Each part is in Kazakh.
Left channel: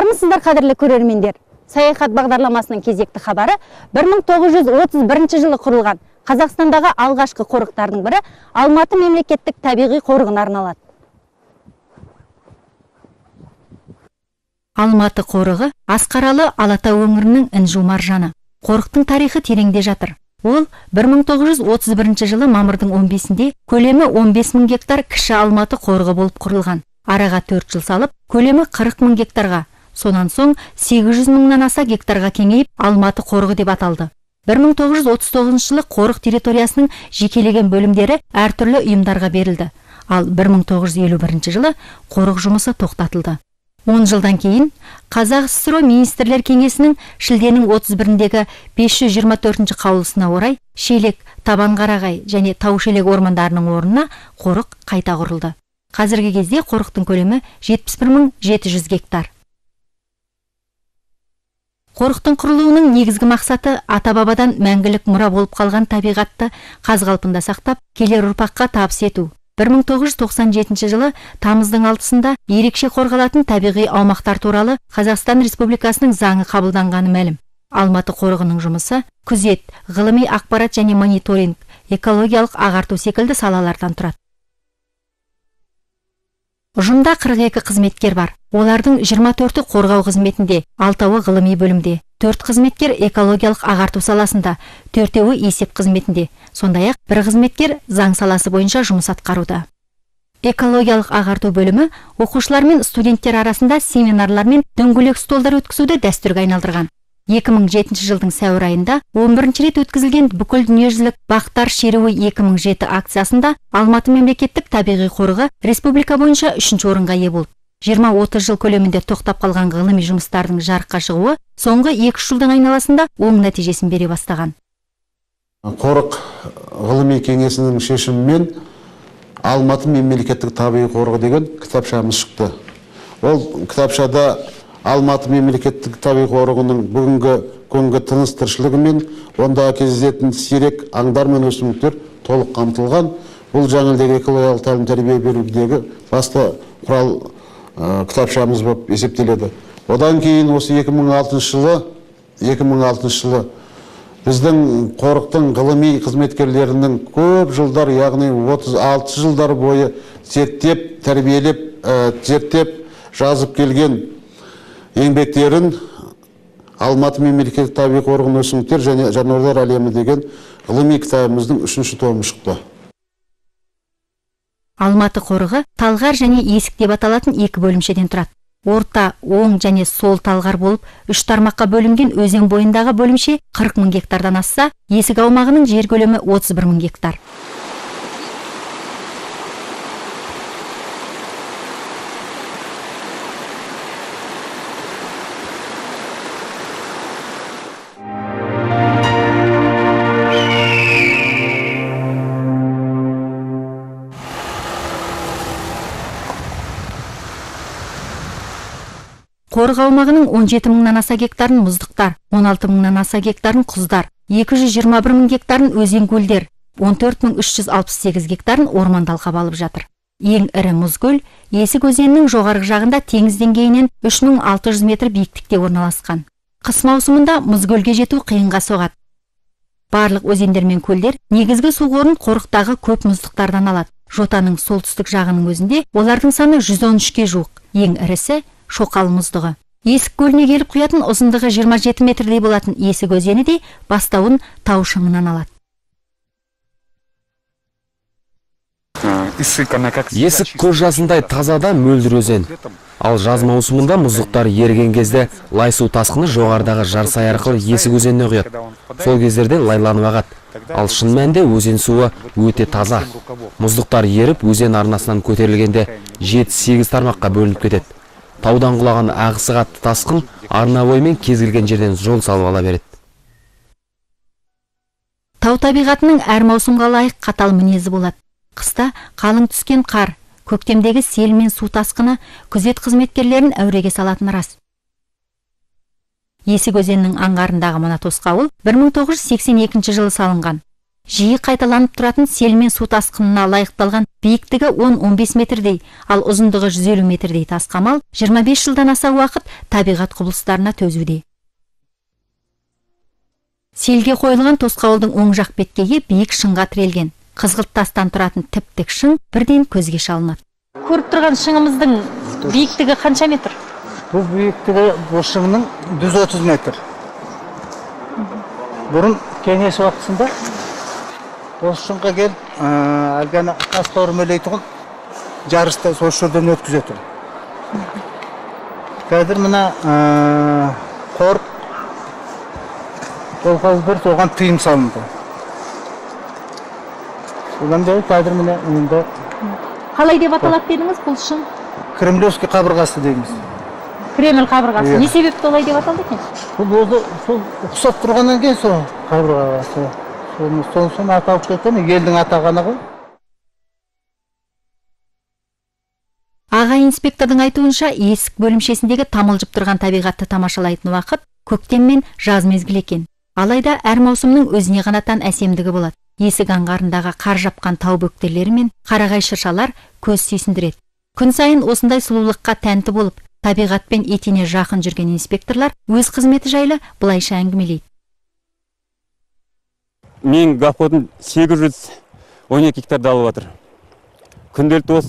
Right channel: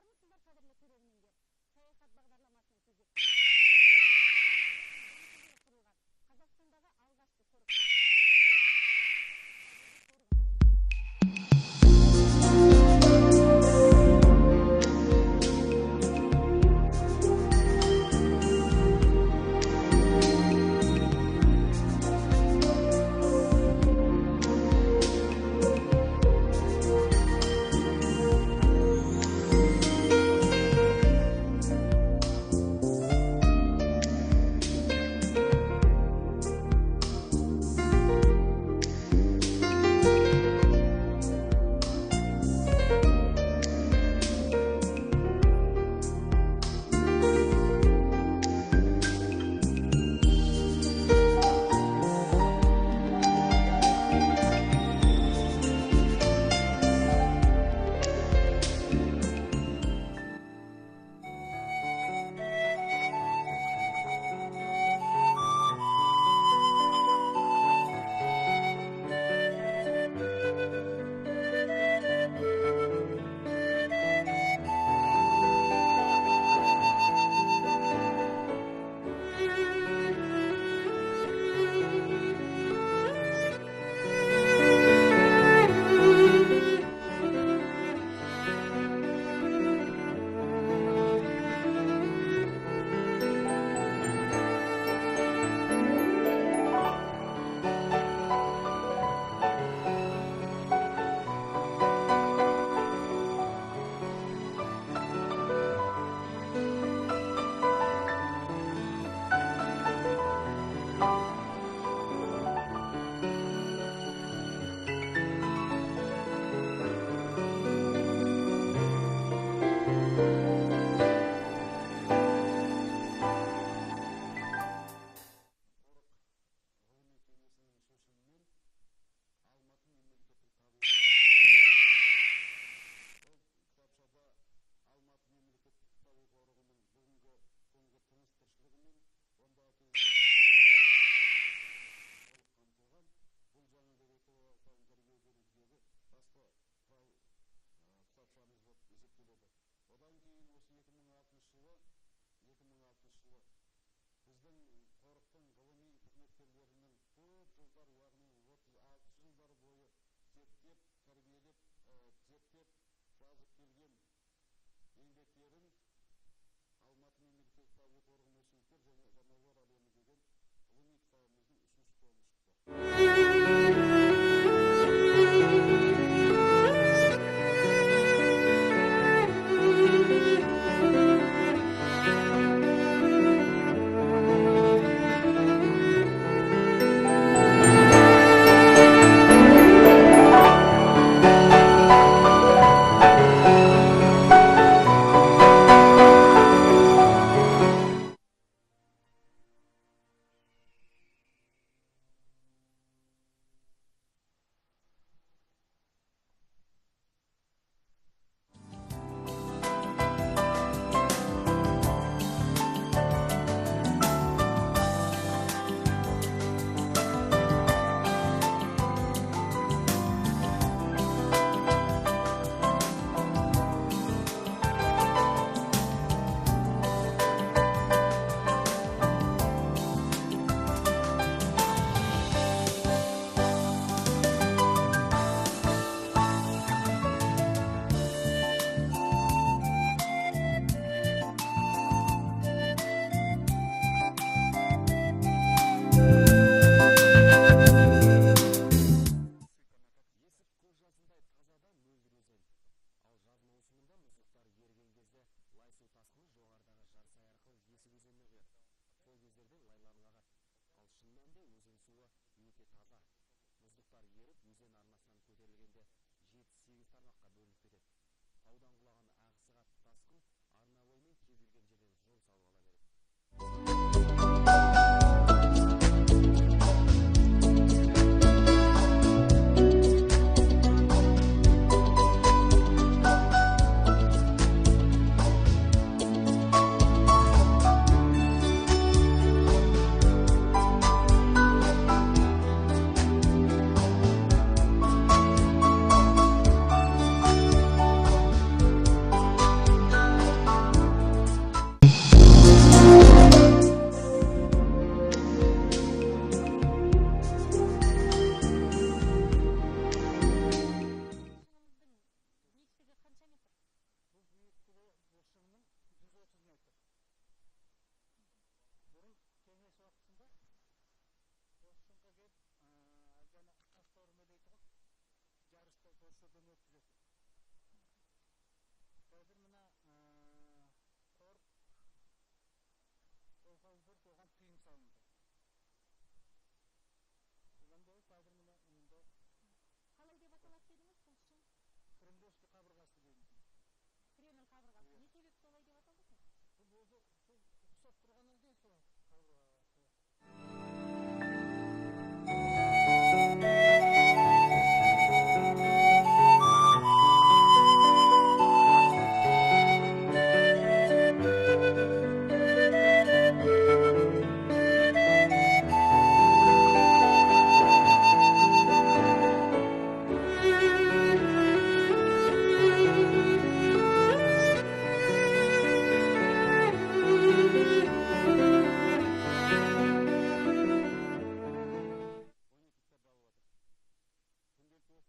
Армысыздар, қадірлі көрермендер. Саяхат бағдарламасының кезекті хабары 1931 жылы құрылған Қазақстандағы алғашқы қорықтардың бірі Алматы мемлекеттік табиғи қорығына арналады. Алматы қорығы Асқаралы Алатау өңірінің інжу маржаны. Қорықтың тарихы тереңде жатыр. Ол 1931 жылы мамырдың 15-інде көлемі 15 мың гектар кіші Алматы қорығы болып құрылған. Араға 4 жыл салып, көлемі 40 мың гектарға, сонан соң 800 мыңнан аса гектарға кеңейіп, Алматы қорығы деп аталды. 1939 жылы қорық территориясының жекелеген бөлімдері әртүрлі ұйымдарға берілді. Ал 1951 жылы қорық жұмысы тоқтатылды. 10 жылдан кейін Қазақ ССР министрлер кеңесінің шілденің 31-дегі 524 қаулысына орай Шелек, Табанқарағай және Таушелек ормандарының орнына қорық қайта құрылды. Қазіргі кезде қорықтың көлемі 71.700 гектар. Қорықтың құрылуының негізгі мақсаты ата-бабадан мәңгілік мұра болып қалған табиғатты қаз-қалпында сақтап, келер ұрпаққа табыс ету. 1997 жылы тамыздың 6-сында ерекше қорғалатын табиғи аумақтар туралы Қазақстан Республикасының заңы қабылданғаны мәлім. Алматы қорығының жұмысы күзет, ғылыми ақпарат және мониторинг, экологиялық ағарту секілді салалардан тұрады. Ұжымда 42 қызметкер бар. Олардың 24-і қорғау қызметінде, 6-ы ғылыми бөлімде, 4 қызметкер экологиялық ағарту саласында, 4-і есеп қызметінде. Сондай-ақ бір қызметкер заң саласы бойынша жұмыс атқаруда. Экологиялық ағарту бөлімі оқушылар мен студенттер арасында семинарлар мен дөңгелек столдар өткізуді дәстүрге айналдырған. 2007 жылдың сәуір айында 11-ші рет өткізілген бүкіл дүниежүзілік бақтар шеруі 2007 акциясында Алматы мемлекеттік табиғи қорығы республика бойынша 3-ші орынға ие болды. 20-30 жыл көлемінде тоқтап қалған ғылыми жұмыстардың жарыққа шығуы соңғы 2 жылдың айналасында оң нәтижесін бере бастаған. Қорық ғылыми кеңесінің шешімімен Алматы мемлекеттік табиғи қорығы деген кітапшамыз шықты. Ол кітапшада Алматы мемлекеттік табиғи қорығының бүгінгі күнгі тыныс тіршілігі мен онда кездесетін сирек аңдар мен өсімдіктер толық қамтылған. Бұл жаңылдегі экологиялық тәлім тәрбие берудегі басты құрал кітапшамыз болып есептеледі. Одан кейін осы 2006 жылы біздің қорықтың ғылыми қызметкерлерінің көп жылдар, яғни 36 жылдар бойы зерттеп, тәрбиелеп, жазып келген еңбектерін Алматы мемлекеттік табиғи қорығының өсімдіктер және жануарлар әлемі деген ғылыми кітабымыздың 3-ші томы шықты. Алматы қорығы талғар және есік деп аталатын 2 бөлімшеден тұрады. Орта, оң және сол талғар болып 3 тармаққа бөлінген өзен бойындағы бөлімше 40 мың гектардан асса, есік аумағының жер көлемі 31 мың гектар. Қорық аумағының 17 мыңнан аса гектарын мұздықтар, 16 мыңнан аса гектарын құздар, 221 мың гектарын өзен көлдер, 14.368 гектарын орман алқап алып жатыр. Ең ірі мұзкөл Есік өзенінің жоғарғы жағында теңіз деңгейінен 3600 метр биіктікте орналасқан. Қыс маусымында мұзкөлге жету қиынға соғады. Барлық өзендер мен көлдер негізгі су қорын қорықтағы көп мұздықтардан алады. Жотаның солтүстік жағының өзінде олардың саны 113-ке жуық. Ең ірісі Шоқал мұздығы. Есік көліне келіп құятын ұзындығы 27 метрдей болатын Есік өзені де бастауын тау шыңынан алады. Есік көз жасындай тазада мөлдір өзен. Ал жаз маусымында мұздықтар еріген кезде лай су тасқыны жоғарыдағы жарсай арқылы Есік өзеніне құяды. Сол кездерде лайланып ағады. Ал шын мәнінде өзен суы өте таза. Мұздықтар еріп өзен арнасынан көтерілгенде 7-8 тармаққа бөлініп кетеді. Таудан құлаған ағысы қатты тасқын арна бойымен кез келген жерден жол салып ала береді. Тау табиғатының әр маусымға лайық қатал мінезі болады. Қыста қалың түскен қар, көктемдегі сел мен су тасқыны күзет қызметкерлерін әуреге салатыны рас. Есік өзенінің аңғарындағы мына тосқауыл 1982 жылы салынған. жиі қайталанып тұратын сел мен су тасқынына лайықталған биіктігі 10-15 метрдей, ал ұзындығы 150 метрдей тас қамал 25 жылдан аса уақыт табиғат құбылыстарына төзуде. Селге қойылған тосқауылдың оң жақ беткейі биік шыңға тірелген. Қызғылт тастан тұратын тіп-тік шың бірден көзге шалынады. Көріп тұрған шыңымыздың биіктігі қанша метр? Бұл биіктігі бұл шыңның 130 метр. Бұрын кеңес уақытысында осы шыңға келіп, әлгені тастауыр мөлейтұғын жарысты сол жерден өткізеді. Қазір мына қорық қолқауыздар соған тыйым салынды. Одан бері қазір міне мұнда Қалай деп аталады дедіңіз бұл шың? Кремлевский қабырғасы дейміз. Кремль қабырғасы. Не себепті олай деп аталды екен? Бұл сол ұқсап тұрғаннан кейін сол қабырғасы. Соны аталып кеткен, елдің атағаны ғой. Аға инспектордың айтуынша есік бөлімшесіндегі тамылжып тұрған табиғатты тамашалайтын уақыт көктем мен жаз мезгілі екен. Алайда әр маусымның өзіне ғана тән әсемдігі болады. Есік аңғарындағы қар жапқан тау бөктерлері мен қарағай шыршалар көз сүйсіндіреді. Күн сайын осындай сұлулыққа тәнті болып, табиғатпен етене жақын жүрген инспекторлар өз қызметі жайлы былайша әңгімелейді. Мен ғафотын 812 гектарды алып жатыр. Күнделікті осы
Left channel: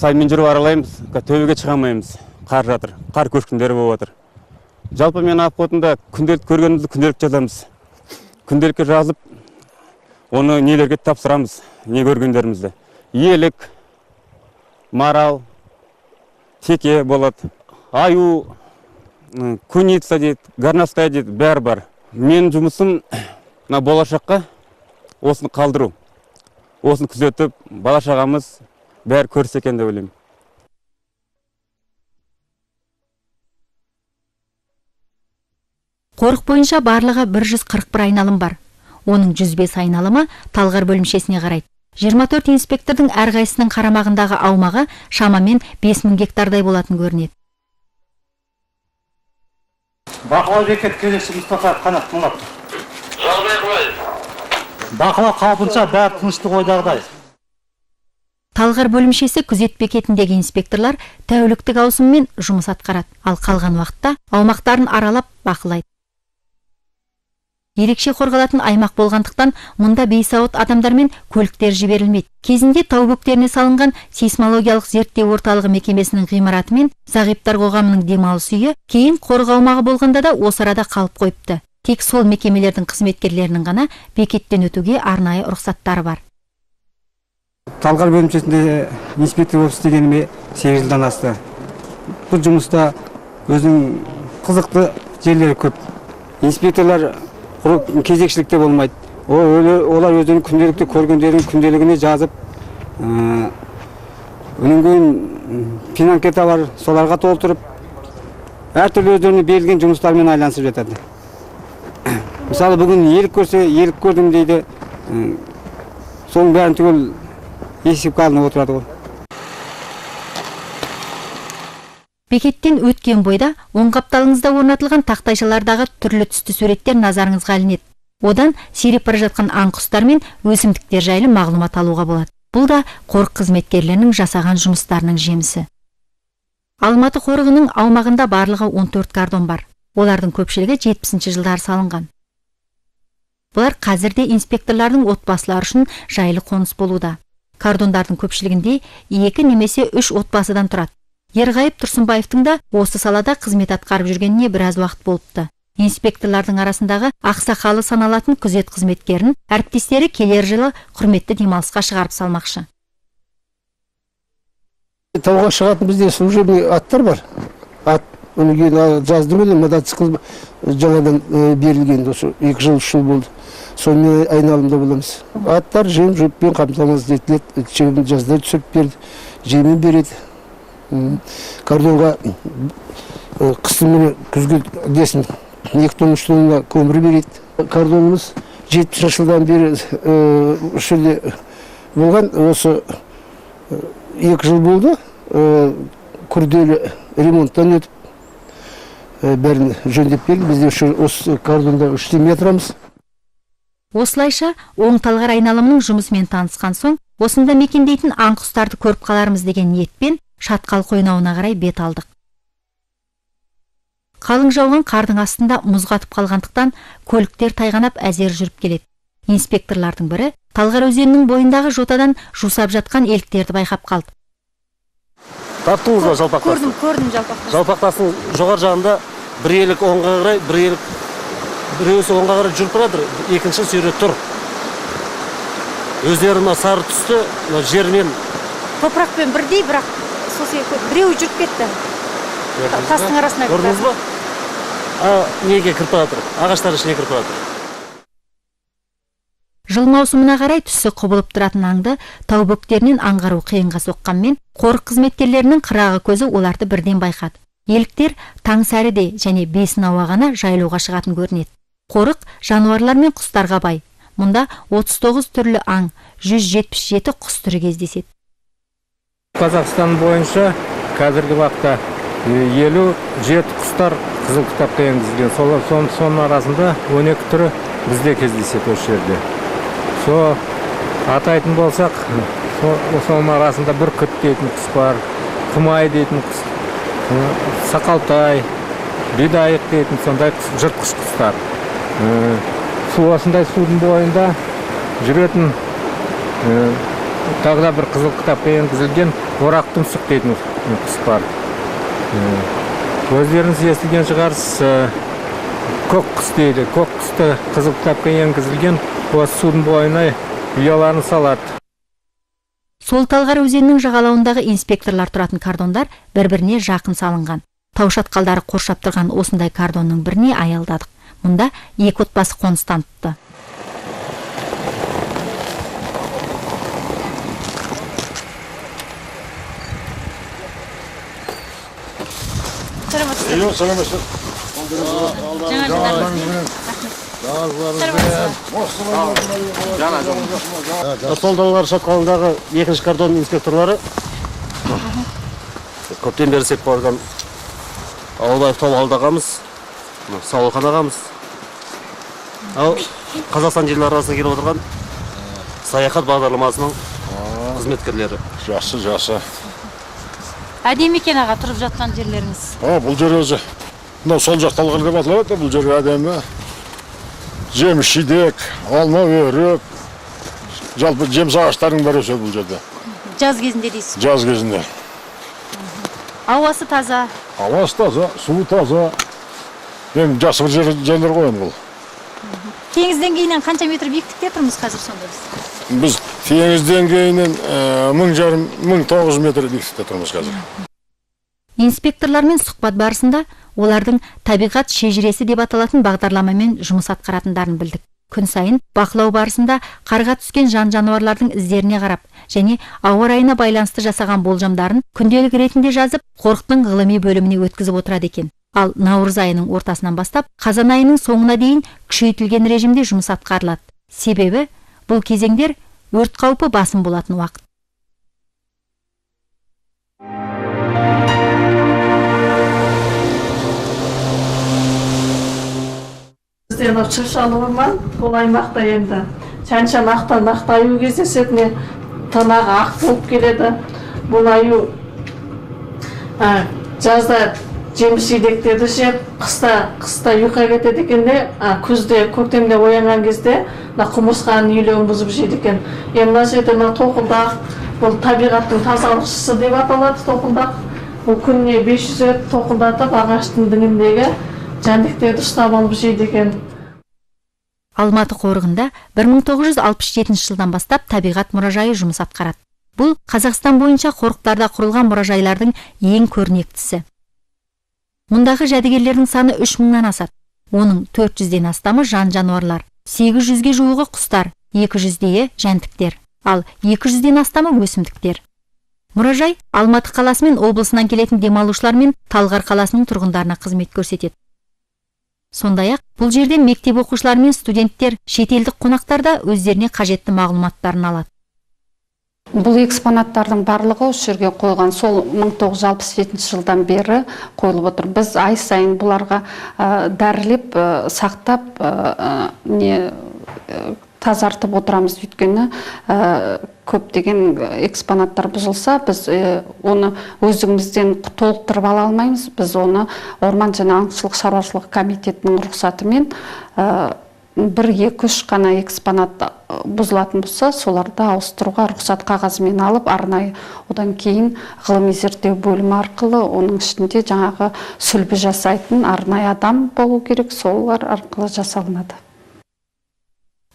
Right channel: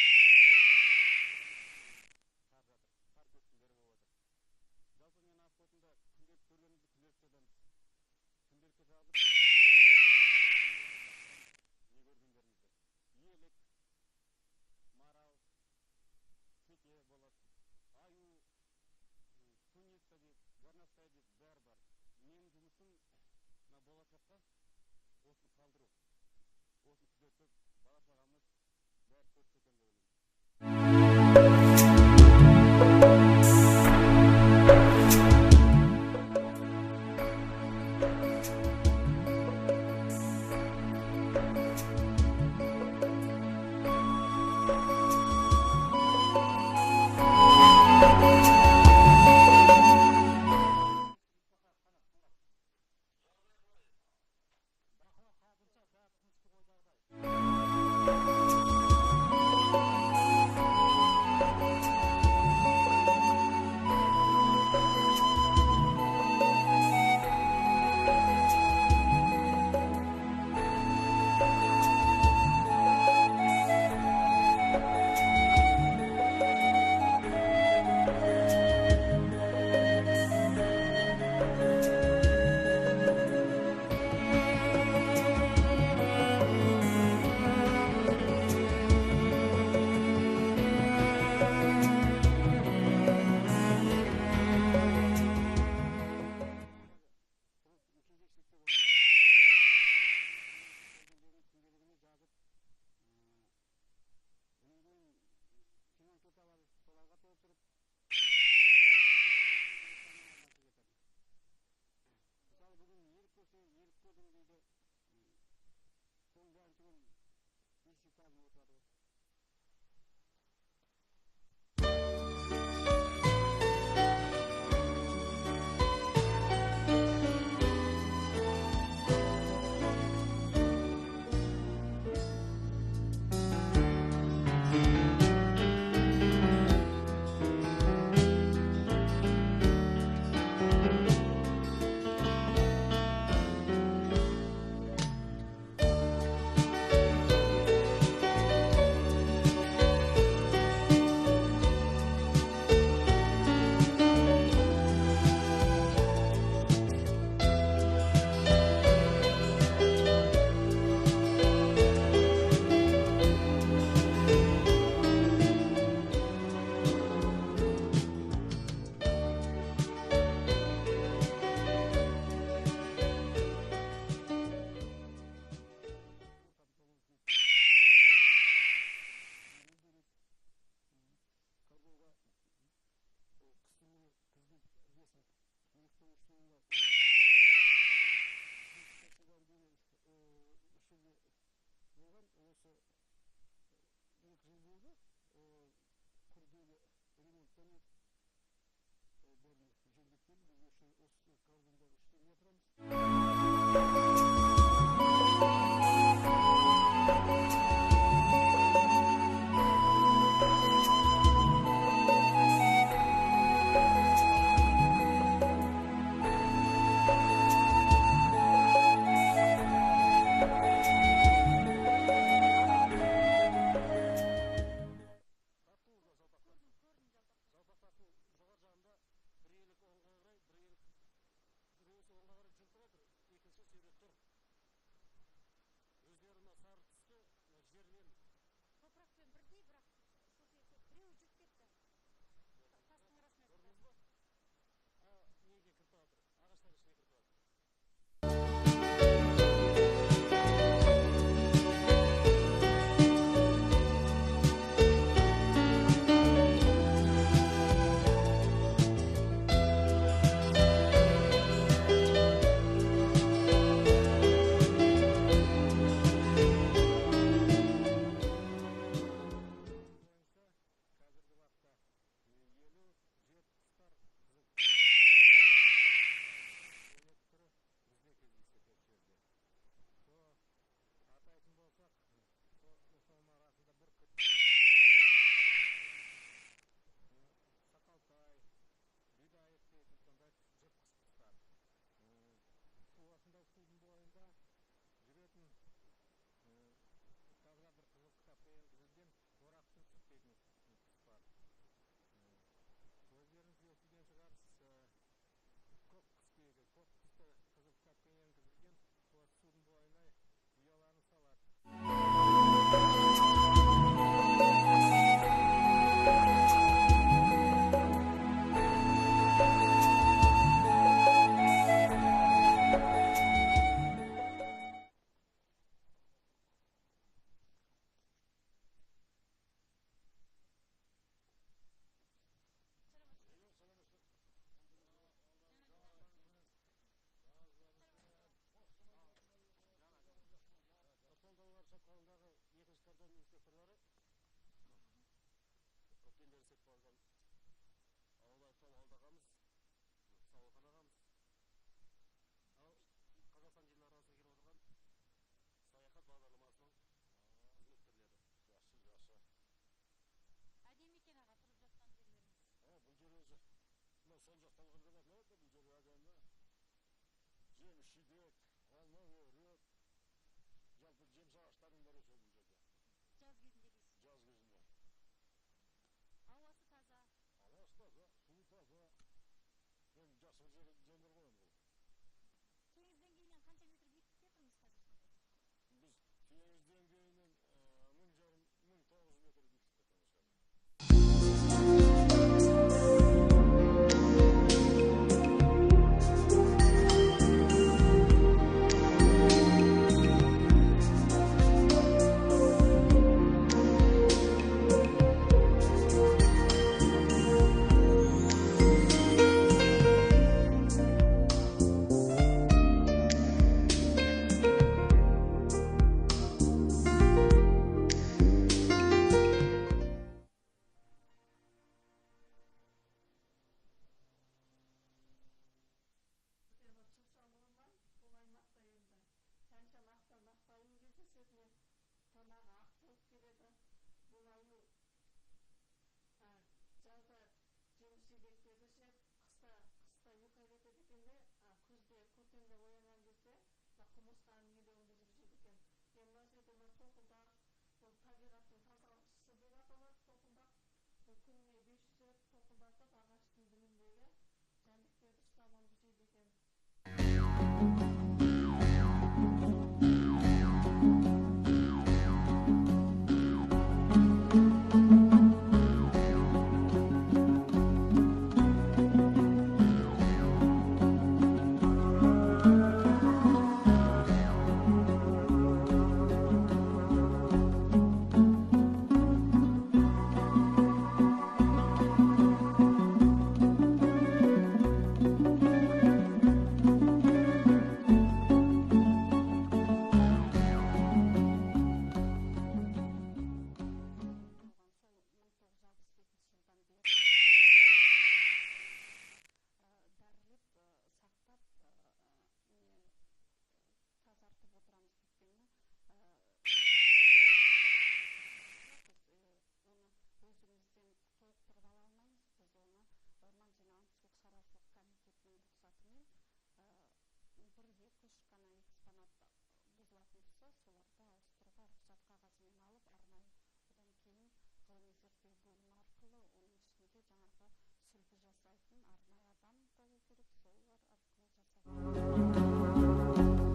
саймен жүріп аралаймыз, төбеге шыға алмаймыз. Қар жатыр, қар көшкіндері болып жатыр. Жалпы мен ғафотында күнделікті көргенімізді күнделікті жазамыз. Күнделікке жазып, оны нелерге тапсырамыз, не көргендерімізді. Елік, марал, теке болады, аю, куница дейді, горностай дейді, бәрі бар. Мен жұмысым болашаққа осыны қалдыру. Осыны күзетіп, бала-шағамыз бәрі көрсе екен деп ойлаймын. Қорық бойынша барлығы 141 айналым бар. Оның 105 айналымы Талғар бөлімшесіне қарайды. 24 инспектордың әрқайсысының қарамағындағы аумағы шамамен 5000 гектардай болатын көрінеді. Бақылау бекет кезекші Мұстафа Қанат Мұңлап. Бақылау қалпынша бәрі тыныштық ойдағыдай. Талғар бөлімшесі күзет бекетіндегі инспекторлар тәуліктік ауысыммен жұмыс атқарады, ал қалған уақытта аумақтарын аралап бақылайды. Ерекше қорғалатын аймақ болғандықтан мұнда бейсауыт адамдар мен көліктер жіберілмейді. Кезінде тау бөктеріне салынған сейсмологиялық зерттеу орталығы мекемесінің ғимараты мен зағиптар қоғамының демалыс үйі кейін қорық аумағы болғанда да осы арада қалып қойыпты. Тек сол мекемелердің қызметкерлерінің ғана бекеттен өтуге арнайы рұқсаттары бар. Талғар бөлімшесінде инспектор болып істегеніме 8 жылдан асты. Бұл жұмыста өзінің қызықты жерлері көп. Инспекторлар кезекшілікте болмайды. Олар өзінің күнделікті көргендерін күнделігіне жазып, өнен кейін пин-анкета бар, соларға толтырып, әртүрлі өздеріне берілген жұмыстармен айланысып жатады. Мысалы, бүгін елік көрсе, елік көрдім дейді, соның бәрін түгел есепке алынып отырады ғой. Бекеттен өткен бойда оң қапталыңызда орнатылған тақтайшалардағы түрлі түсті суреттер назарыңызға ілінеді. Одан сиреп бара жатқан аң құстар мен өсімдіктер жайлы мағлұмат алуға болады. Бұл да қорық қызметкерлерінің жасаған жұмыстарының жемісі. Алматы қорығының аумағында барлығы 14 кордон бар. Олардың көпшілігі 70 жылдары салынған. Бұлар қазірде инспекторлардың отбасылары үшін жайлы қоныс болуда. Кордондардың көпшілігінде 2 немесе 3 отбасыдан тұрады. Ерғайып Тұрсынбаевтың да осы салада қызмет атқарып жүргеніне біраз уақыт болыпты. Инспекторлардың арасындағы ақсақалы саналатын күзет қызметкерін әріптестері келер жылы құрметті демалысқа шығарып салмақшы. Тауға шығатын бізде служебный аттар бар. Жаздым өлі мотоцикл жаңадан берілген, 2 жыл 3 жыл болды. Сонымен айналымда боламыз. Аттар жем жөппен қамтамасыз етіледі, жазда түсіп берді, жемен береді. Кордонға қыстың күзге десін 2 тонн 3 тонна көмір береді. Кордонымыз 70 жылдан бері үшілде болған, осы 2 жыл болды, күрделі ремонттан өтіп, бәрін жөндеп берді. Бізде осы кордонда 3 метрамыз. Осылайша оң талғар айналымының жұмысымен танысқан соң, осында мекендейтін аң құстарды көріп қалармыз деген ниетпен Шатқал қойнауына қарай бет алдық. Қалың жауған қардың астында мұз қатып қалғандықтан көліктер тайғанап әзер жүріп келеді. Инспекторлардың бірі Талғар өзенінің бойындағы жотадан жусап жатқан еліктерді байқап қалды. Таптыңыз ба жалпақтасын? Көрдім жалпақтасын. Жалпақтасын жоғар жағында бір елік оңға қарай, біреуісі оңға қарай жүріп барады, екінші сүйре тұр. Өздері сары түсті, жермен Топырақпен бірдей, бірақ біреу жүріп кетті. Тастың арасына кіріп. Көрдіңіз ба? Неге кіріп жатыр? Ағаштар ішіне кіріп жатыр. Жыл маусымына қарай түсі құбылып тұратын аңды тау бөктерінен аңғару қиынға соққанмен, қорық қызметкерлерінің қырағы көзі оларды бірден байқады. Еліктер таң сәріде және бесін ауағана жайлауға шығатын көрінеді. Қорық жануарлар мен құстарға бай. Мұнда 39 түрлі аң, 177 құс түрі кездеседі. Қазақстан бойынша қазіргі уақытта 57 құстар қызыл кітапқа енгізілген. Соның арасында 12 түрі бізде кездеседі осы жерде. Атайтын болсақ, соның арасында бүркіт дейтін құс бар, құмай дейтін құс, сақалтай, бидайық дейтін сондай жыртқыш құстар. Осындай судың бойында жүретін тағы да бір қызыл кітапқа енгізілген орақ тұмсық дейтін құс бар. Өздеріңіз естіген шығарсыз, көк құс дейді. Көк құсты қызыл кітапқа енгізілген осы судың бойына ұяларын салады. Сол Талғар өзенінің жағалауындағы инспекторлар тұратын кордондар бір-біріне жақын салынған. Тау шатқалдары қоршап тұрған осындай кордонның біріне аялдадық. Мұнда екі отбасы қоныстаныпты. Сол Талғар шатқалындағы екінші кордон инспекторлары көптен бері сеп қойған Ауылбаев тау алдағамыз, Сауылхан ағамыз. Ал Қазақстан жерлері арасында келіп отырған саяхат бағдарламасының қызметкерлері. Жасы. Әдемі екен аға тұрып жатқан жерлеріңіз. Бұл жер өзі. Сол жақ Талғар деп аталады, бұл жер әдемі. Жеміс жидек, алма өрік, жалпы жеміс ағаштарының бәрі өседі бұл жерде. Жаз кезінде дейсіз? Жаз кезінде. Ауасы таза? Ауасы таза, суы таза. Мен жасы бір жерлер қоям бұл. Теңіз деңгейінен қанша метр биіктікте тұрмыз қазір сонда біз? Біз теңіз деңгейінен 1900 метр биіктікте тұрмыз қазір. Инспекторлармен сұхбат барысында олардың табиғат шежіресі деп аталатын бағдарламамен жұмыс атқаратындарын білдік. Күн сайын бақылау барысында қарға түскен жан-жануарлардың іздеріне қарап және ауа райына байланысты жасаған болжамдарын күнделік ретінде жазып, қорықтың ғылыми бөліміне өткізіп отырады екен. Ал наурыз айының ортасынан бастап қазан айының соңына дейін күшейтілген режимде жұмыс атқарылады. Себебі бұл кезеңдер өрт қаупі басым болатын уақыт. Шыршалы орман, бұл аймақта енді шанша нақта аю кездесетіне танағы ақ болып келеді. Бұл аю жазда жеміс жидектерді жеп, қыста ұйқыға кетеді екенде, күзде, көктемде оянған кезде құмырсқаның үйлерін бұзып жейді екен. Мына жерде тоқылдақ, бұл табиғаттың тазалықшысы деп аталады тоқылдақ. Бұл күніне 500 рет тоқылдатып ағаштың діңіндегі жәндіктерді ұстап алып жейді екен. Алматы қорығында 1967 жылдан бастап табиғат мұражайы жұмыс атқарады. Бұл Қазақстан бойынша қорықтарда құрылған мұражайлардың ең көрнектісі. Мұндағы жәдігерлердің саны 3000-нан асады. Оның 400-ден астамы жан-жануарлар, 800-ге жуығы құстар, 200-дейі жәндіктер, ал 200-ден астамы өсімдіктер. Мұражай Алматы қаласы мен облысынан келетін демалушылар мен Талғар қаласының тұрғындарына қызмет көрсетеді. Сондай-ақ бұл жерде мектеп оқушылары мен студенттер, шетелдік қонақтар да өздеріне қажетті мағлұматтарын алады. Бұл экспонаттардың барлығы осы жерге қойған сол 1967 жылдан бері қойылып отыр. Біз ай сайын бұларға дәрілеп, сақтап, тазартып отырамыз, өйткені көптеген экспонаттар бұзылса, біз оны өзімізден толықтырып ала алмаймыз. Біз оны Орман және аңшылық шаруашылық комитетінің рұқсатымен 1-2-3 қана экспонат бұзылатын болса, соларды ауыстыруға рұқсат қағазымен алып, арнайы одан кейін ғылыми зерттеу бөлімі арқылы, оның ішінде жаңағы сүлбі жасайтын арнайы адам болу керек, солар арқылы жасалынады.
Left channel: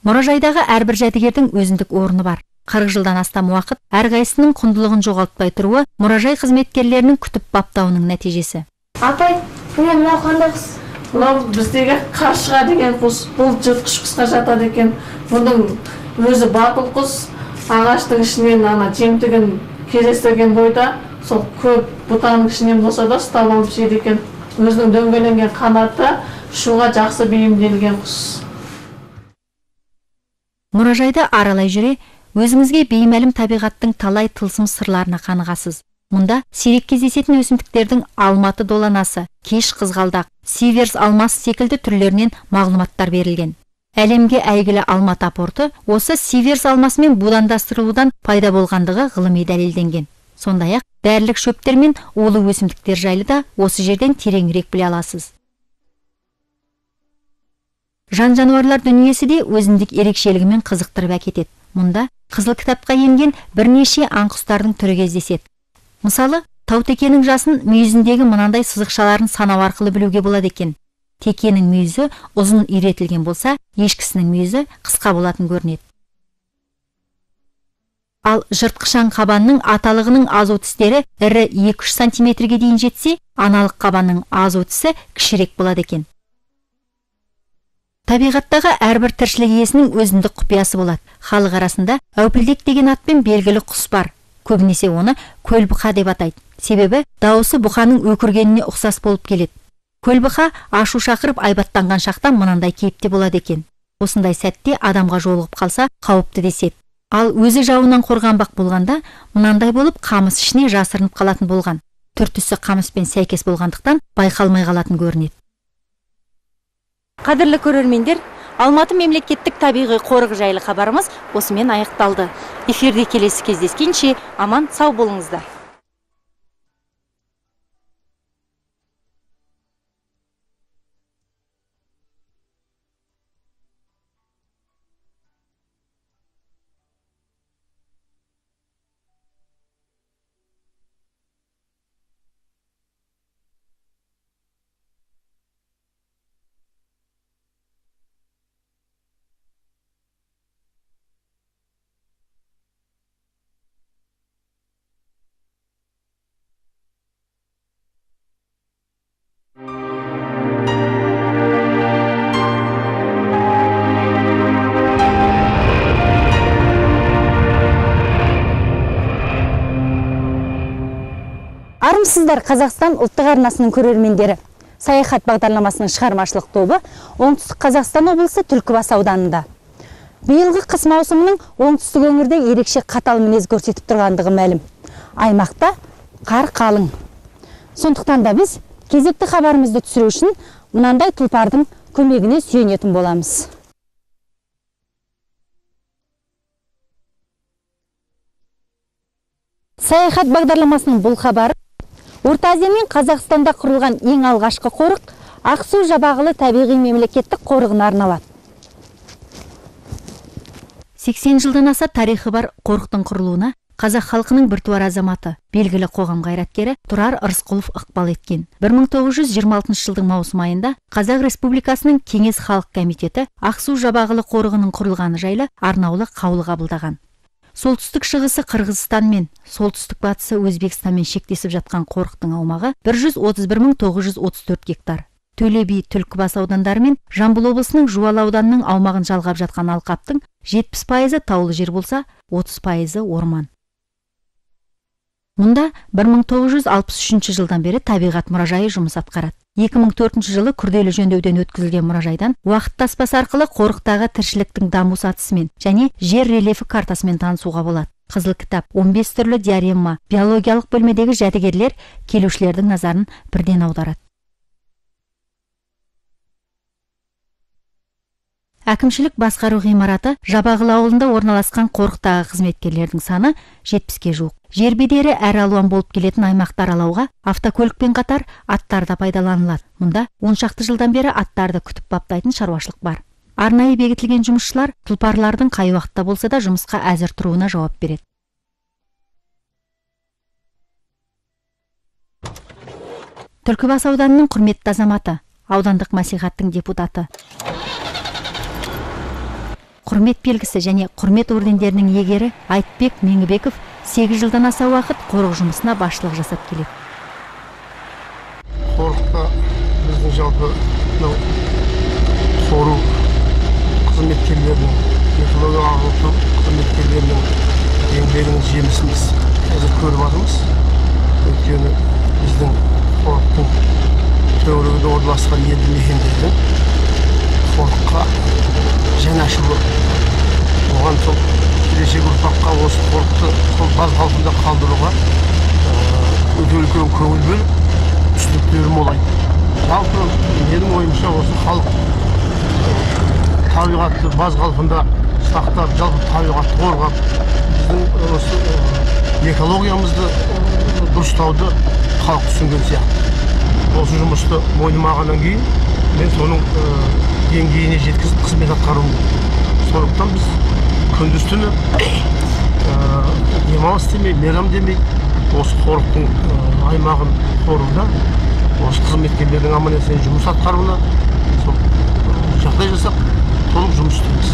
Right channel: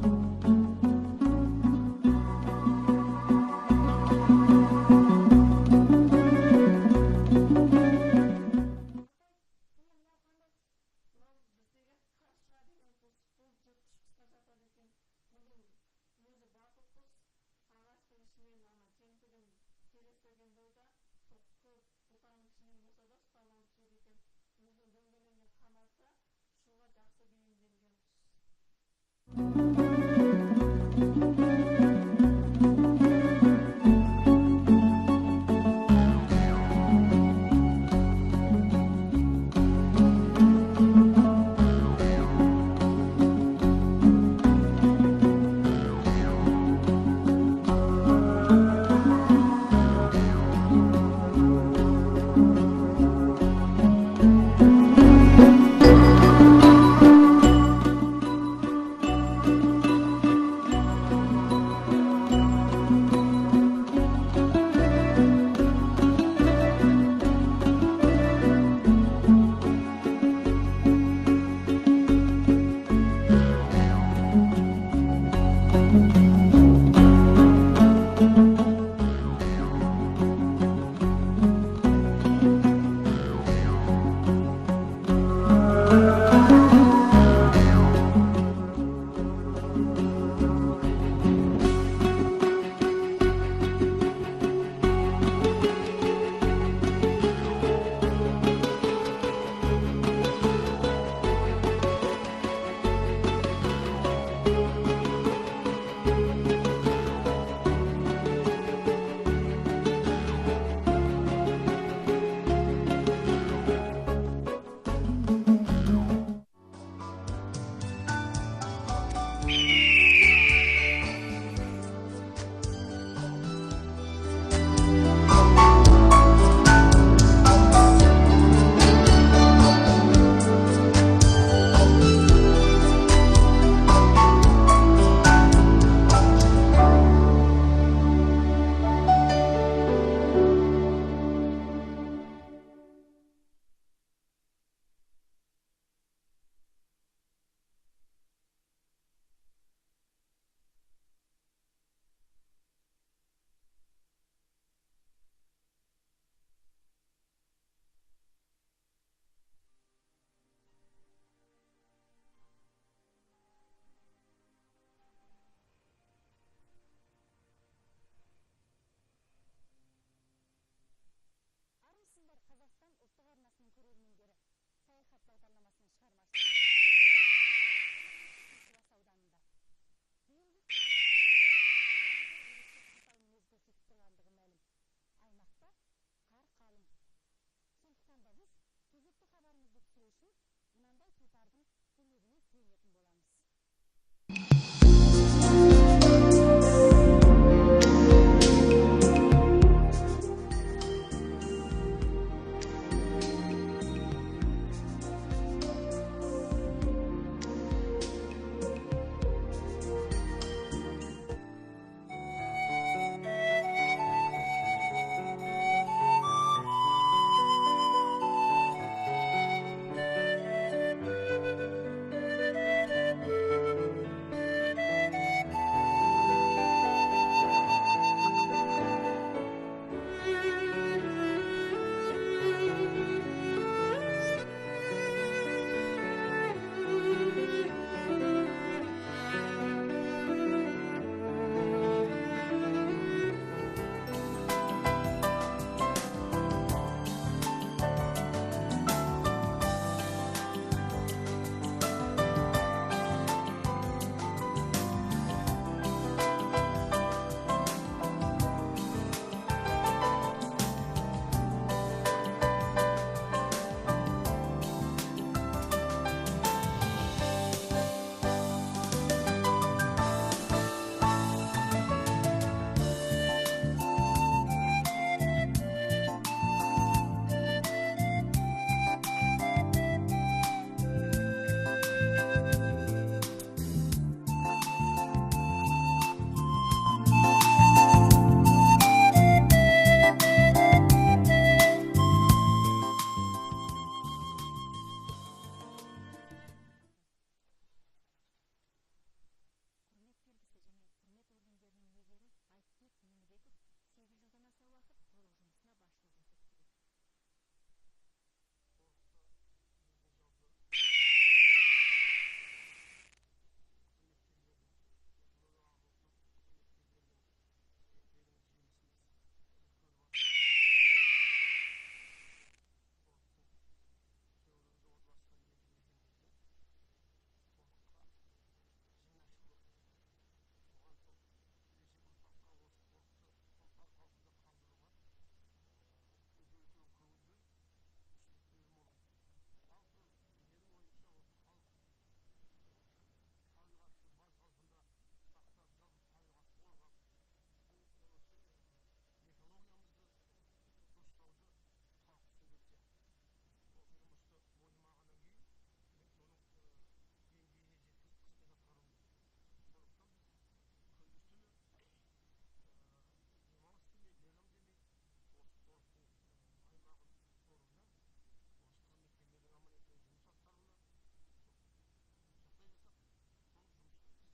Мұражайдағы әрбір жәдігердің өзіндік орны бар. 40 жылдан астам уақыт әрқайсының құндылығын жоғалтпай тұруы мұражай қызметкерлерінің күтіп баптауының нәтижесі. Апай, мынау қандай құс? Мынау біздегі қаршыға деген құс, бұл жыртқыш құсқа жатады екен. Бұның өзі батыл құс, ағаштың ішінен жемтігін кездестірген бойда, сол көп бұтаның ішінен болса да ұстап алып жейді екен. Өзінің дөңгеленген қанаты ұшуға жақсы бейімделген құс. Мұражайды аралай жүре, өзіңізге беймәлім табиғаттың талай тылсым сырларына қанығасыз. Мұнда сирек кездесетін өсімдіктердің алматы доланасы, кеш қызғалдақ, сиверс алмас секілді түрлерінен мағлұматтар берілген. Әлемге әйгілі Алматы порты осы сиверс алмасымен будандастырылудан пайда болғандығы ғылыми дәлелденген. Сондай-ақ дәрілік шөптер мен улы өсімдіктер жайлы да осы жерден тереңірек біле аласыз. Жан-жануарлар дүниесі де өзіндік ерекшелігімен қызықтырып әкетеді. Мұнда қызыл кітапқа енген бірнеше аң-құстардың түрі кездеседі. Мысалы, таутекенің жасын мүйізіндегі мынандай сызықшаларын санау арқылы білуге болады екен. Текенің мүйізі ұзын үйретілген болса, ешкісінің мүйізі қысқа болатын көрінеді. Ал жыртқышаң қабанның аталығының азу тістері ірі 2-3 сантиметрге дейін жетсе, аналық қабанның азу тісі кішірек болады екен. Табиғаттағы әрбір тіршілік иесінің өзіндік құпиясы болады. Халық арасында әупілдек деген атпен белгілі құс бар. Көбінесе оны көлбұқа деп атайды. Себебі дауысы бұқаның өкіргеніне ұқсас болып келеді. Көлбұқа ашу шақырып айбаттанған шақта мынандай кейіпте болады екен. Осындай сәтте адамға жолығып қалса қауіпті деседі. Ал өзі жауынан қорғанбақ болғанда мынандай болып қамыс ішіне жасырынып қалатын болған. Түр-түсі қамыспен сәйкес болғандықтан байқалмай қалатын көрінеді. Қадірлі көрермендер, Алматы мемлекеттік табиғи қорығы жайлы хабарымыз осымен аяқталды. Эфирде келесі кездескенше аман сау болыңыздар. Армысыздар, Қазақстан ұлттық арнасының көрермендері. Саяхат бағдарламасының шығармашылық тобы Оңтүстік Қазақстан облысы Түлкібас ауданында. Биылғы қыс маусымының оңтүстік өңірде ерекше қатал мінез көрсетіп тұрғандығы мәлім. Аймақта қар қалың. Сондықтан да біз кезекті хабарымызды түсіру үшін мынандай тұлпардың көмегіне сүйенетін боламыз. Саяхат бағдарламасының бұл хабары Орта Азия мен Қазақстанда құрылған ең алғашқы қорық Ақсу Жабағылы табиғи мемлекеттік қорығына арналады. 80 жылдан аса тарихы бар қорықтың құрылуына қазақ халқының біртуар азаматы, белгілі қоғам қайраткері Тұрар Рысқұлов ықпал еткен. 1926 жылдың маусым айында Қазақ Республикасының Кеңес Халық комитеті Ақсу Жабағылы қорығының құрылғаны жайлы арнаулы қаулы қабылдаған. Солтүстік шығысы Қырғызстан мен солтүстік батысы Өзбекстанмен шектесіп жатқан қорықтың аумағы 131.934 гектар. Төле би, Түлкібас аудандары мен Жамбыл облысының Жуалы ауданының аумағын жалғап жатқан алқаптың 70% таулы жер болса, 30% орман. Мұнда 1963 жылдан бері табиғат мұражайы жұмыс атқарады. 2004 жылы күрделі жөндеуден өткізілген мұражайдан уақыт таспасы арқылы қорықтағы тіршіліктің даму сатысымен және жер рельефі картасымен танысуға болады. Қызыл кітап, 15 түрлі диаремма, биологиялық бөлмедегі жәдігерлер келушілердің назарын бірден аударады. Әкімшілік басқару ғимараты Жабағылы ауылында орналасқан қорықтағы қызметкерлердің саны 70-ге жуық. Жер бедері әр алуан болып келетін аймақты аралауға автокөлікпен қатар аттар да пайдаланылады. Мұнда 10 шақты жылдан бері аттарды күтіп баптайтын шаруашылық бар. Арнайы бекітілген жұмысшылар тұлпарлардың қай уақытта болса да жұмысқа әзір тұруына жауап береді. Түлкібас ауданының құрметті азаматы, аудандық мәслихаттың депутаты, құрмет белгісі және құрмет ордендерінің иегері Айтбек Меңібеков 8 жылдан аса уақыт қорық жұмысына басшылық жасап келеді. Қорықта біздің жалпы қору қызметкерлерінің, экология ағылту қызметкерлерінің еңбегінің жемісін біз қазір көріп жатырмыз. Өйткені біздің қорықтың төңірегінде орналасқан елді мекендердің қорыққа жанашырлы, оған сол келешек ұрпаққа осы қорықты сол баз қалпында қалдыруға өте үлкен көңіл бөліп, түсініктері молайды. Жалпы менің ойымша осы халық табиғатты баз қалпында сақтап, жалпы табиғатты қорғап, біздің осы экологиямызды дұрыстауды халық түсінген сияқты. Осы жұмысты мойнымағаннан кейін мен соның деңгейіне жеткізіп қызмет атқаруым керек. Сондықтан біз күндіз түні демалыс демей, мейрам демей, осы қорықтың аймағын қоруда, осы қызметкерлердің аман-есен жұмыс атқаруына жағдай жасап, толық жұмыс істейміз.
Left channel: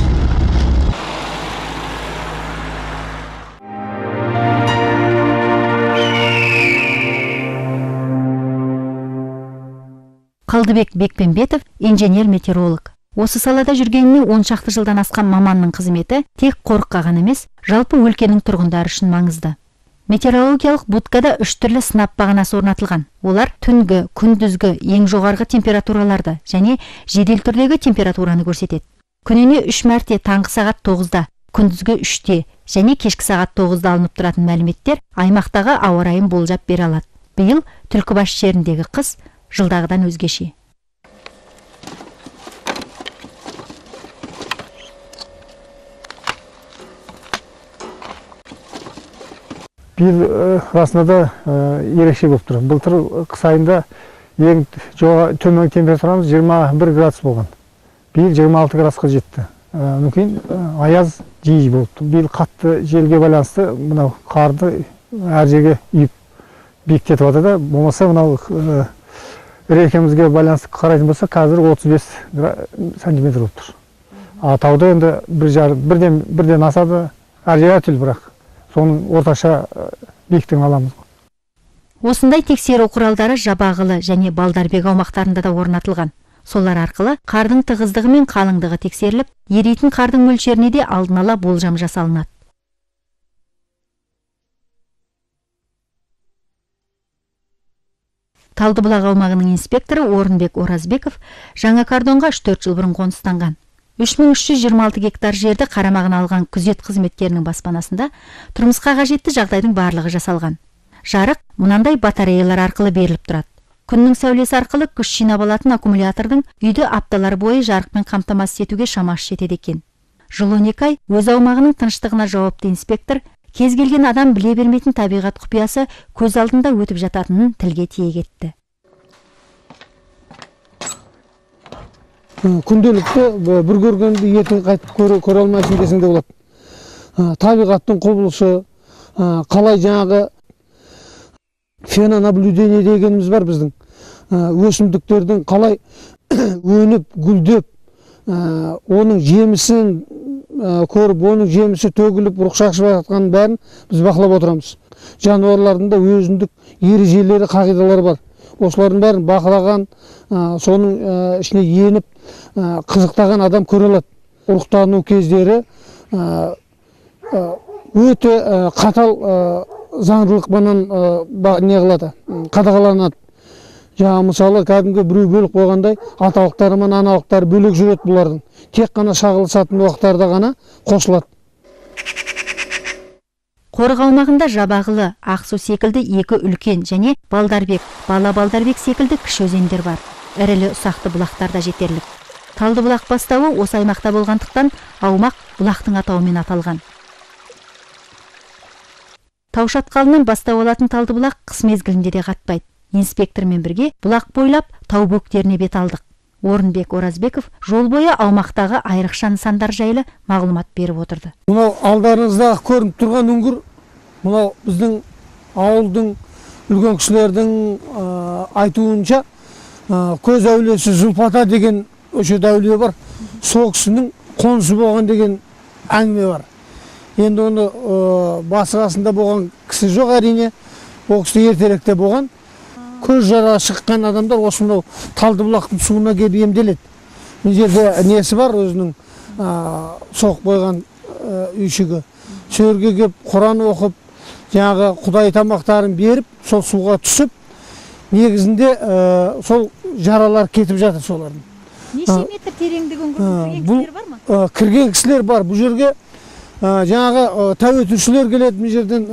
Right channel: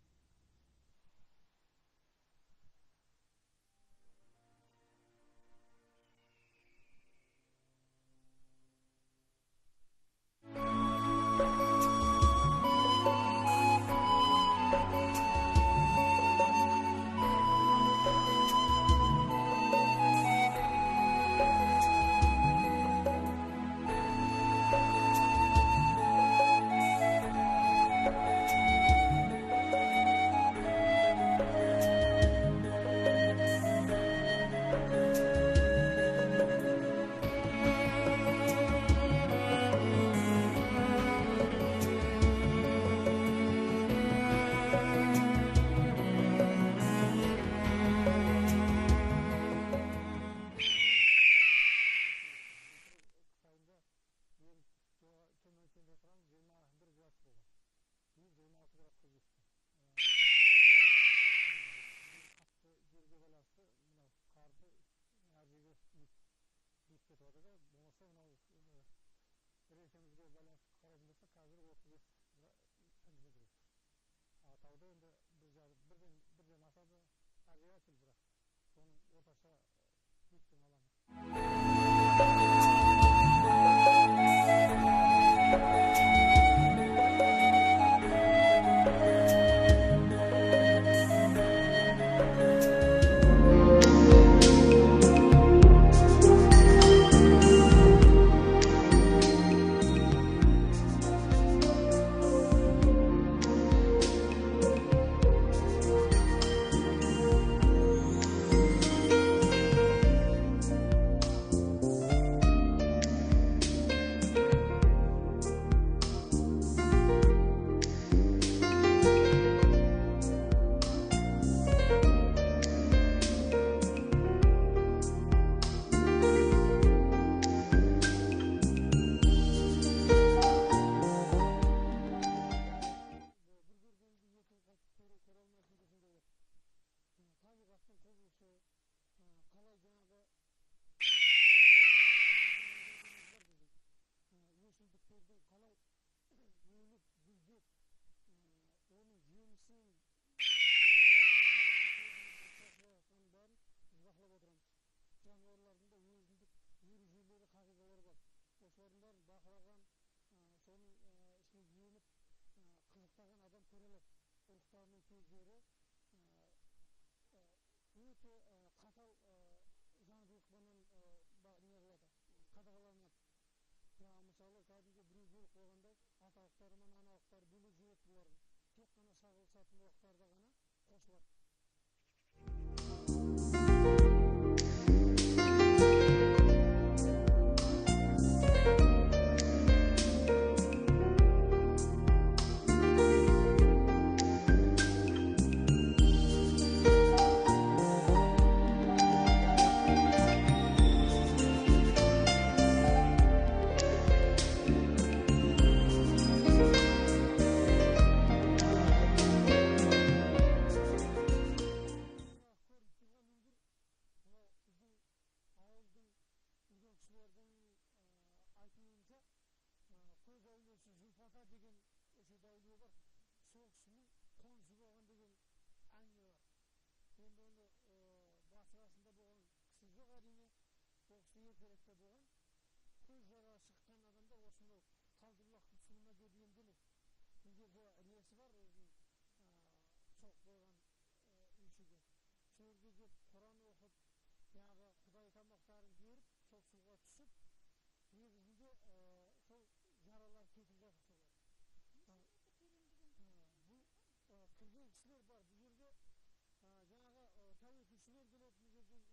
Қалдыбек Бекпенбетов инженер-метеоролог. Осы салада жүргеніне 10 шақты жылдан асқан маманның қызметі тек қорыққа ғана емес, жалпы өлкенің тұрғындары үшін маңызды. Метеорологиялық будкада 3 түрлі сынап бағанасы орнатылған. Олар түнгі, күндізгі ең жоғарғы температураларды және жедел түрдегі температураны көрсетеді. Күніне 3 мәрте таңғы сағат 9-да, күндізгі 3-те және кешкі сағат 9-да алынып тұратын мәліметтер аймақтағы ауа райын болжап бере алады. Биыл Түлкібас жеріндегі қыс жылдағыдан өзгеше. Биыл расында да ерекше болып тұр. Былтыр қыс айында ең төмен температурамыз 21 градус болған. Биыл 26 градусқа жетті. Мүмкін аяз жиі болды. Биыл қатты желге байланысты мынау қарды әр жерге үйіп биіктетіп жатыр да, болмаса мынау рекемізге байланысты қарайтын болса, қазір 35 сантиметр болып тұр. Тауда енді бірден асады, әр жер әртүрлі, бірақ соның орташа биіктігін аламыз. Осындай тексеру құралдары Жабағылы және Балдарбек аумақтарында да орнатылған. Солар арқылы қардың тығыздығы мен қалыңдығы тексеріліп, еритін қардың мөлшеріне де алдын ала болжам жасалынады. Талдыбұлақ аумағының инспекторы Орынбек Оразбеков жаңа кордонға 3-4 жыл бұрын қоныстанған. 3326 гектар жерді қарамағына алған күзет қызметтерінің баспанасында тұрмысқа қажетті жағдайдың барлығы жасалған. Жарық мынандай батареялар арқылы беріліп тұрады. Күннің сәулесі арқылы күш жинап алатын аккумулятордың үйді апталар бойы жарықпен қамтамасыз етуге шамасы жетеді екен. Жыл 12 ай өз аумағының тыныштығына жауапты инспектор кез келген адам біле бермейтін табиғат құпиясы көз алдында өтіп жататынын тілге тиек етті. Күнделікті бір көргенді ертең қайтып көре алмайсың десең де болады. Табиғаттың құбылышы, қалай жаңағы фенонаблюдение дегеніміз бар біздің. Өсімдіктердің қалай өніп, гүлдеп, оның жемісін көріп, оның жемісі төгіліп, ұрықшақ шығып жатқанын бәрін біз бақылап отырамыз. Жануарлардың да өзіндік ережелері, қағидалары бар. Осылардың бәрін бақылаған, соның ішіне еніп, қызықтаған адам көре алады. Ұрықтану кездері өте қатал заңдылықпенен неғылады, қадағаланады. Жаңа мысалы кәдімгі біреу бөліп қойғандай аталықтары мен аналықтары бөлек жүреді бұлардың. Тек қана шағылысатын уақыттарда ғана қосылады. Қорық аумағында Жабағылы, Ақсу секілді екі үлкен және Балдарбек, Балдарбек секілді кіші өзендер бар. Ірілі ұсақты бұлақтар да жетерлік. Талдыбұлақ бастауы осы аймақта болғандықтан аумақ бұлақтың атауымен аталған. Тау шатқалынан бастау алатын Талдыбұлақ қыс мезгілінде де қатпайды. Инспектормен бірге бұлақ бойлап тау бөктеріне бет алдық. Орынбек Оразбеков жол бойы аумақтағы айрықша нысандар жайлы мағлұмат беріп отырды. Мынау алдарыңыздағы көрініп тұрған үңгір, мынау біздің ауылдың үлкен кісілердің айтуынша көз әулиесі Зұлпата деген өшет әулие бар. Сол кісінің қонысы болған деген әңгіме бар. Енді оны басқасында болған кісі жоқ әрине. Ол кісі ертеректе болған. Көз жара шыққан адамдар осынау Талдыбұлақтың суына келіп емделеді. Бұл жерде несі бар, өзінің соғып қойған үйшігі. Сөрге келіп Құран оқып, жаңағы Құдай тамақтарын беріп, сол суға түсіп, негізінде сол жаралар кетіп жатыр солардың. Неше метр тереңдігі үңгірдің кірген кісілер бар ма? Кірген кісілер бар. Бұл жерге жаңағы тәуетушілер келеді, бұл жерден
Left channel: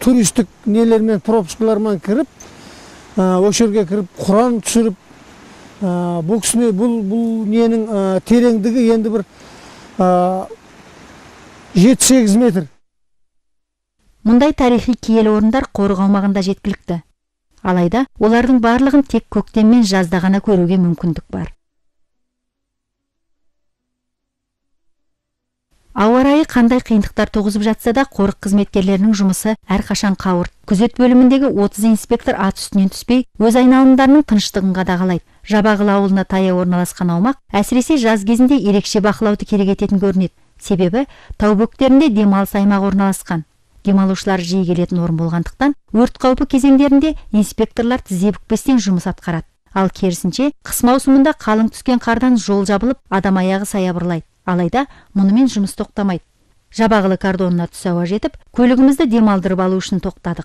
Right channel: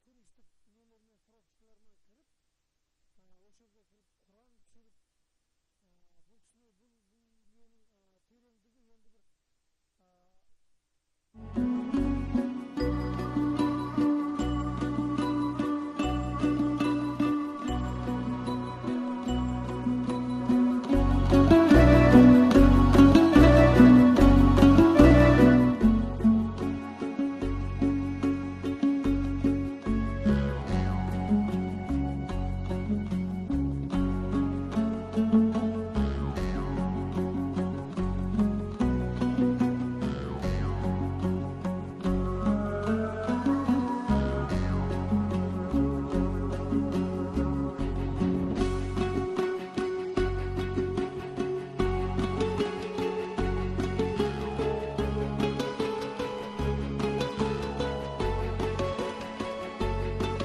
туристік нелермен, пропускалармен кіріп, осы жерге кіріп Құран түсіріп, бұл кісіне бұл ненің тереңдігі енді бір 7-8 метр. Мұндай тарихи киелі орындар қорық аумағында жеткілікті. Алайда олардың барлығын тек көктем мен жазда ғана көруге мүмкіндік бар. Ауа райы қандай қиындықтар туғызып жатса да, қорық қызметкерлерінің жұмысы әрқашан қауырт. Күзет бөліміндегі 30 инспектор ат үстінен түспей, өз айналымдарының тыныштығын қадағалайды. Жабағылы ауылына таяу орналасқан аумақ әсіресе жаз кезінде ерекше бақылауды керек ететін көрінеді. Себебі тау бөктерінде демалыс аймағы орналасқан. Демалушылар жиі келетін орын болғандықтан, өрт қаупі кезеңдерінде инспекторлар тізе бүкпестен жұмыс атқарады. Ал керісінше, қыс маусымында қалың түскен қардан жол жабылып, адам аяғы саябырлайды. Алайда мұнымен жұмыс тоқтамайды. Жабағылы кордонына түс ауа жетіп, көлігімізді демалдырып алу үшін тоқтадық.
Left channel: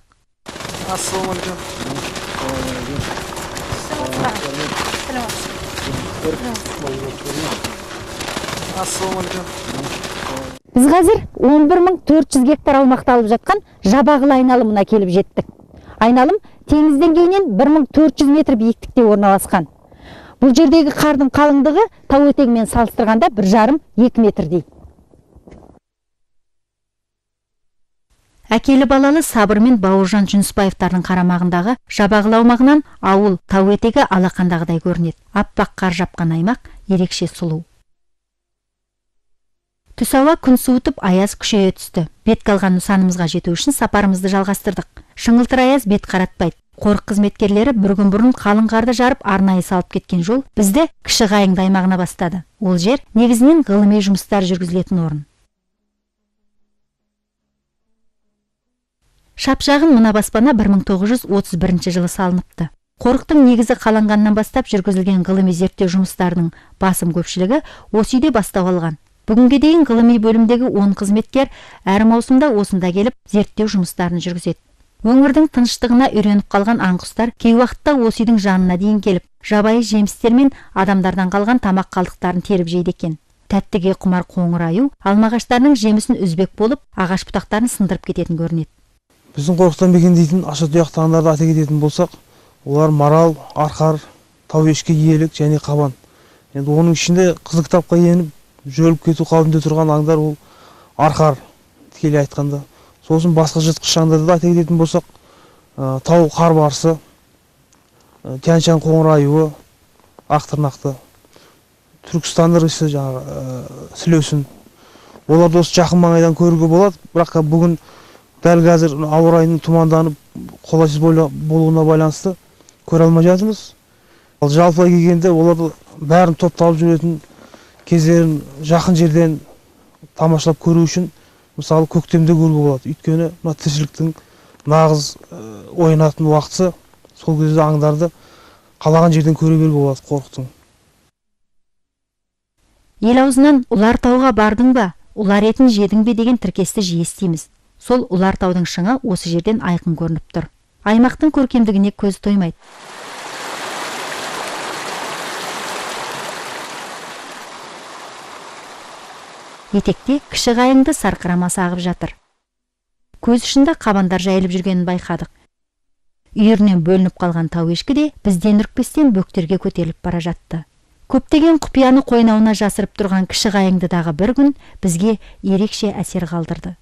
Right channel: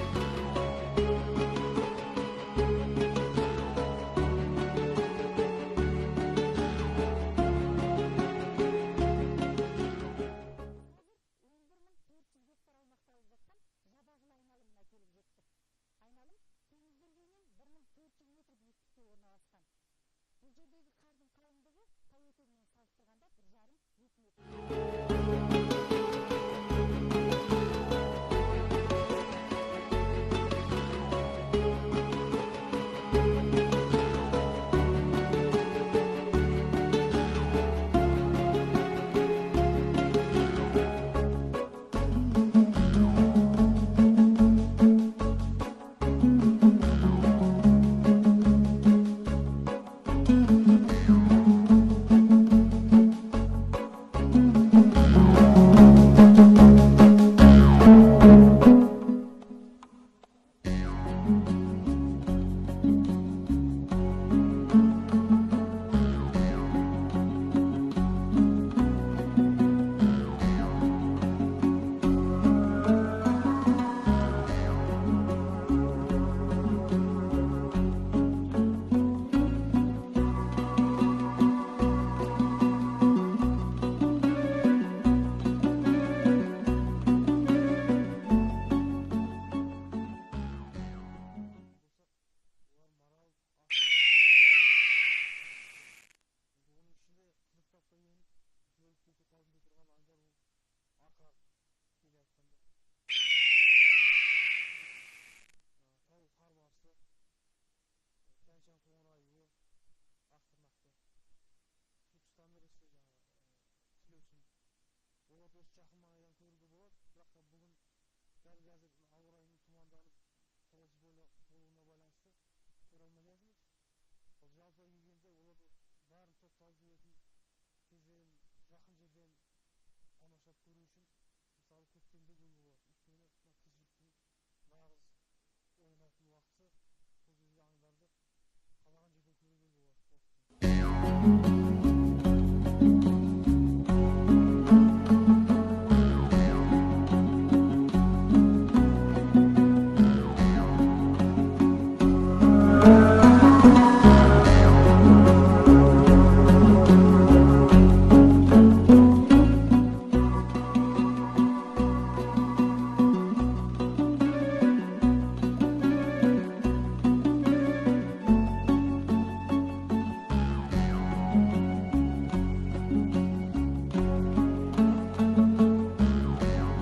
Біз қазір 11.400 гектар аумақты алып жатқан Жабағылы айналымына келіп жеттік. Айналым теңіз деңгейінен 1400 метр биіктікте орналасқан. Бұл жердегі қардың қалыңдығы тау етегімен салыстырғанда 1,5-2 метр дейді. Әкелі балалы Сабыр мен Бауыржан Жүнісбаевтардың қарамағындағы Жабағылы аумағынан ауыл тау етегі алақандағыдай көрінеді. Аппақ қар жапқан аймақ ерекше сұлу. Түс ауа күн суытып, аяз күшейе түсті. Бетке алған нысанымызға жету үшін сапарымызды жалғастырдық. Шыңылтыр аяз бет қаратпайды. Қорық қызметкерлері бір күн бұрын қалың қарды жарып, арнайы салып кеткен жол бізді Кіші Қайыңды аймағына бастады. Ол жер негізінен ғылыми жұмыстар жүргізілетін орын. Шапшағын мына баспана 1931 жылы салыныпты. Қорықтың негізі қаланғаннан бастап жүргізілген ғылыми зерттеу жұмыстарының басым көпшілігі осы үйде бастау алған. Бүгінге дейін ғылыми бөлімдегі 10 қызметкер әр маусымда осында келіп зерттеу жұмыстарын жүргізеді. Өңірдің тыныштығына үйреніп қалған аңқұстар кей уақытта осы үйдің жанына дейін келіп, жабайы жемістер мен адамдардан қалған тамақ қалдықтарын теріп жейді екен. Тәттіге құмар қоңыр аю алмағаштарының жемісін үзбек болып, ағаш бұтақтарын сындырып кететін көрінеді. Біздің қорықтан мекендейтін ашатұяқты аңдарды ата кететін болсақ, олар марал, арқар, тауешкі киелік және қабан. Енді оның ішінде қызыл кітапқа еніп жөліп кету қаупінде тұрған аңдар ол арқар, тікелей айтқанда. Сосын басқа жыртқыш аңдарды да ата кететін болсақ, тау қарбарысы, тянь-шань қоңыр аюы, ақтырнақты, Түркістан ірісі, сілеусін. Оларды осы жақын маңайдан көруге болады, бірақ бүгін дәл қазір ауа райының тұманданып, қолайсыз болуына байланысты көре алмай жатырмыз. Ал жалпылай келгенде оларды бәрін топталып жүретін кездерін жақын жерден тамашалап көру үшін мысалы көктемде көруге болады. Өйткені мына тіршіліктің нағыз ойнатын уақыты, сол кезде аңдарды қалаған жерден көре беруге болады қорықтың. Ел аузынан ұлар тауға бардың ба, ұлар етін жедің бе деген тіркесті жиі естиміз. Сол ұлар таудың шыңы осы жерден айқын көрініп тұр. Аймақтың көркемдігіне көз тоймайды. Етекте Кіші Қайыңды сарқырама сағып жатыр. Көз ұшында қабандар жайылып жүргенін байқадық. Үйірінен бөлініп қалған тау ешкі де бізден үркпестен бөктерге көтеріліп бара жатты. көптеген құпияны қойнауына жасырып тұрған кіші қайыңдыдағы бір күн бізге ерекше әсер қалдырды.